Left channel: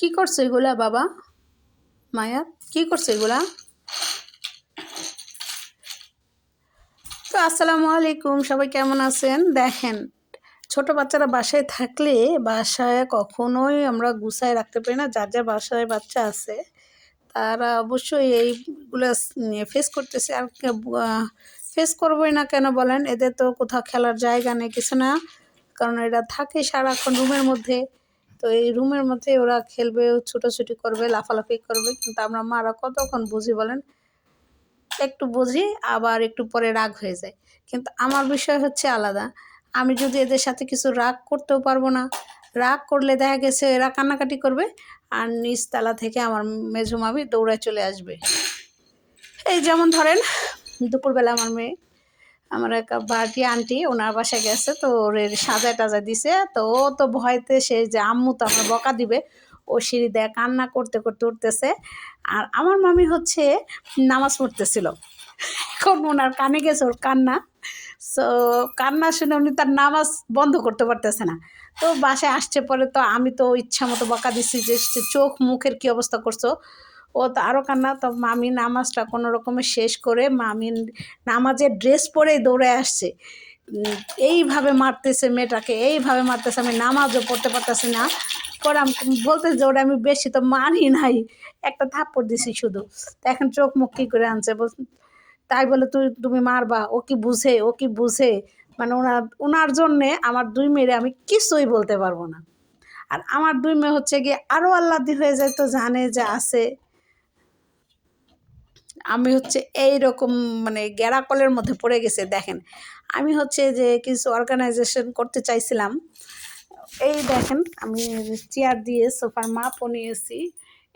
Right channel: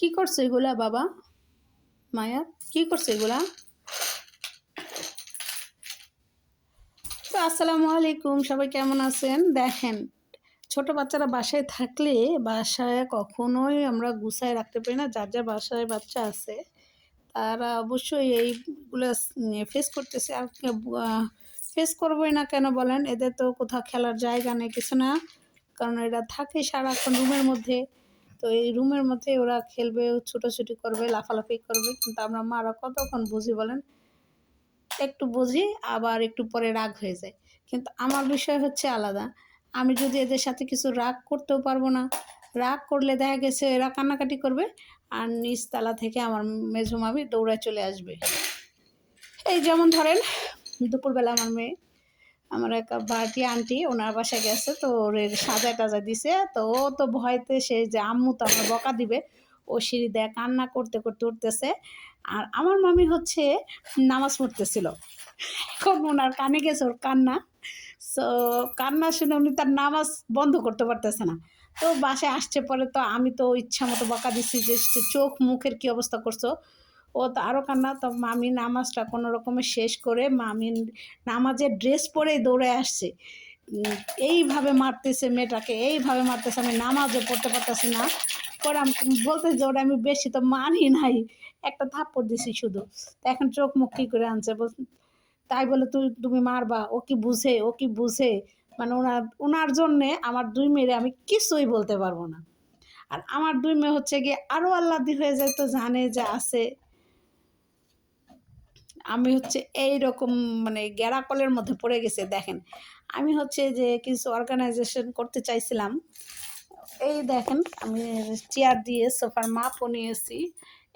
কি করছো এগুলা বাবা? মায়া, কি করছো এগুলা? তো আসসালামু আলাইকুম, সবাই কেমন আছেন? দেখেন, ছোট বাচ্চারা বাসায় থাকলে বাসায় কখনোই আমরা গুছায় রাখতে পারি না। যার যার বাসায় বাচ্চা আছে তারা অবশ্যই এইগুলো ফেস করতেছে। আর ফেস করবোই না কেন বলেন? এদের তো কোথাও খেলার জায়গা নেই, কিছু না। কারণ এরা থাকে সারাক্ষণ রুমের মধ্যে। তো এই রুমের মধ্যে ওরা খেলবে, ছুটোছুটি করবে, লাফালাফি করবে। কিন্তু আমরা মারা কতক্ষণ বুঝি বলেন? একটু বুঝি, আবার একটু পরে রাগ হয়ে যায়। কিন্তু আমার বিষয় হচ্ছে আলাদা। আমি যদি এদের সাথে কিছু রাগ করতেও পারবো না। রাগ করলে দেখা গেছে এরা কান্নাকাটি করবে, আর নিচতলা থেকে আমার মেজো মামি দৌড়ায় চলে আসবে। এই যেমন ধরেন, দুপুরবেলা আমার মেয়ে, আমার এক বাড়ি আন্টি ওনার বাসায় গেছে, তো ওর সাজা টাজা দিছে। তো ও তো ভয়তে সে যে আম্মু তো আমার বকা দিবে, ও সিঁড়ি দেয় কান্না করতে করতে উঠতেছে। আর আমার মামি হচ্ছে নামাজ পড়তেছিল। এখন ওনার কানে গেছে ওর কান্না। সো কান্না শুনে উনি তার নামাজ বন্ধ করতে পারতেছে না। তো বাসায় আসছে পরে, তো আমি তো ইচ্ছা মতো বকা দিচ্ছি যে চোখ মুখের কী অবস্থা করছো। ও তো আরও কান্না। তো মামি নামাজটা কোনো রকমে শেষ করে মামি নামাজের ড্রেস পরেই দৌড়ে আসছে। এইভাবে মারতেছে মেয়েটাকে, এইভাবে মারতেছে, আমি নামাজও পড়তে পারতেছি না। পরে আমি বলতেছি যে ওটা আমি বেশি তো মারি নাই, একটা থাপ্পড় দিছি শুধু। তো এখন চোখ মুখ কী করে আনছে বল, তাই বলে তুমি মারবা? ও কি বুঝে? ও কি বুঝে? মানে ওনার জন্যে আমার দুই মেয়েরে আমি কিছুই বলতে পারবো না। আর আমার দুই মেয়ে হচ্ছে গিয়ে আরও আহ্লাদি হয়ে যায়, তো জানে যে আছে। আমি হচ্ছে এই রকম মানে গ্যারাকলের মধ্যে পড়ে গেছে। দেখেন, আমি হচ্ছে যে কিছু অর্গানাইজেশন করতে চাইছিলাম। এই দেখেন, আমি চেয়ার দিয়ে সোফার মাপও নিয়েছি।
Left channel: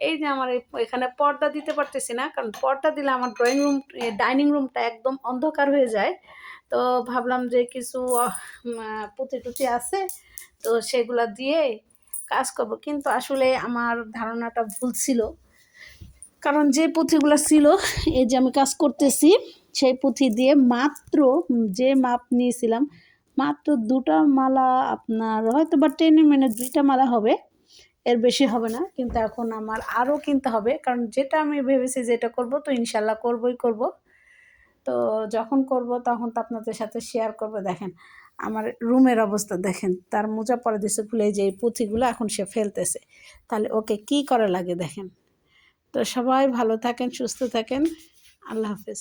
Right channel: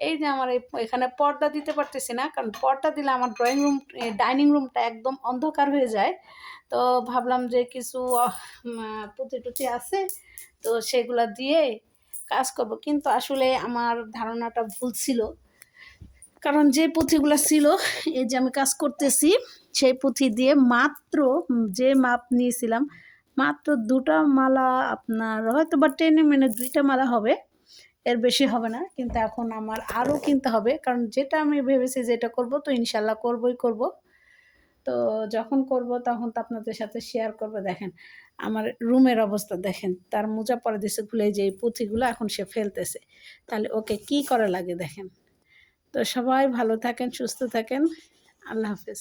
এই যে আমার এখানে পর্দা দিতে পারতেছি না, কারণ পর্দা দিলে আমার ড্রয়িং রুম ডাইনিং রুমটা একদম অন্ধকার হয়ে যায়। তো ভাবলাম যে কিছু পুঁতি টুতি আছে, তো সেগুলা দিয়ে কাজ করব। কিন্তু আসলে আমার ধারণাটা ভুল ছিল। কারণ যে পুঁথিগুলো ছিল, এই যে আমি কাজ করতেছি, সেই পুঁথি দিয়ে মাত্র যে মাপ নিয়েছিলাম, মাত্র দুটা মালা, আপনার হয়তো বা টেনে মেনে দুইটা মালা হবে, এর বেশি হবে না। কিন্তু এখন আমার আরও কিনতে হবে, কারণ যেটা আমি ভেবেছি যেটা করব, তো ইনশাল্লাহ করবই করব। তো যখন করব তখন তো আপনাদের সাথে শেয়ার করব। দেখেন আমার রুমের অবস্থা, দেখেন তার মোজা পরে দিছে খুলে, যে এই পুঁথিগুলো এখন সে ফেলতেছে। তাহলে ওকে কি করা লাগে দেখেন। তো সবাই ভালো থাকেন, সুস্থ থাকেন। আল্লাহ হাফেজ।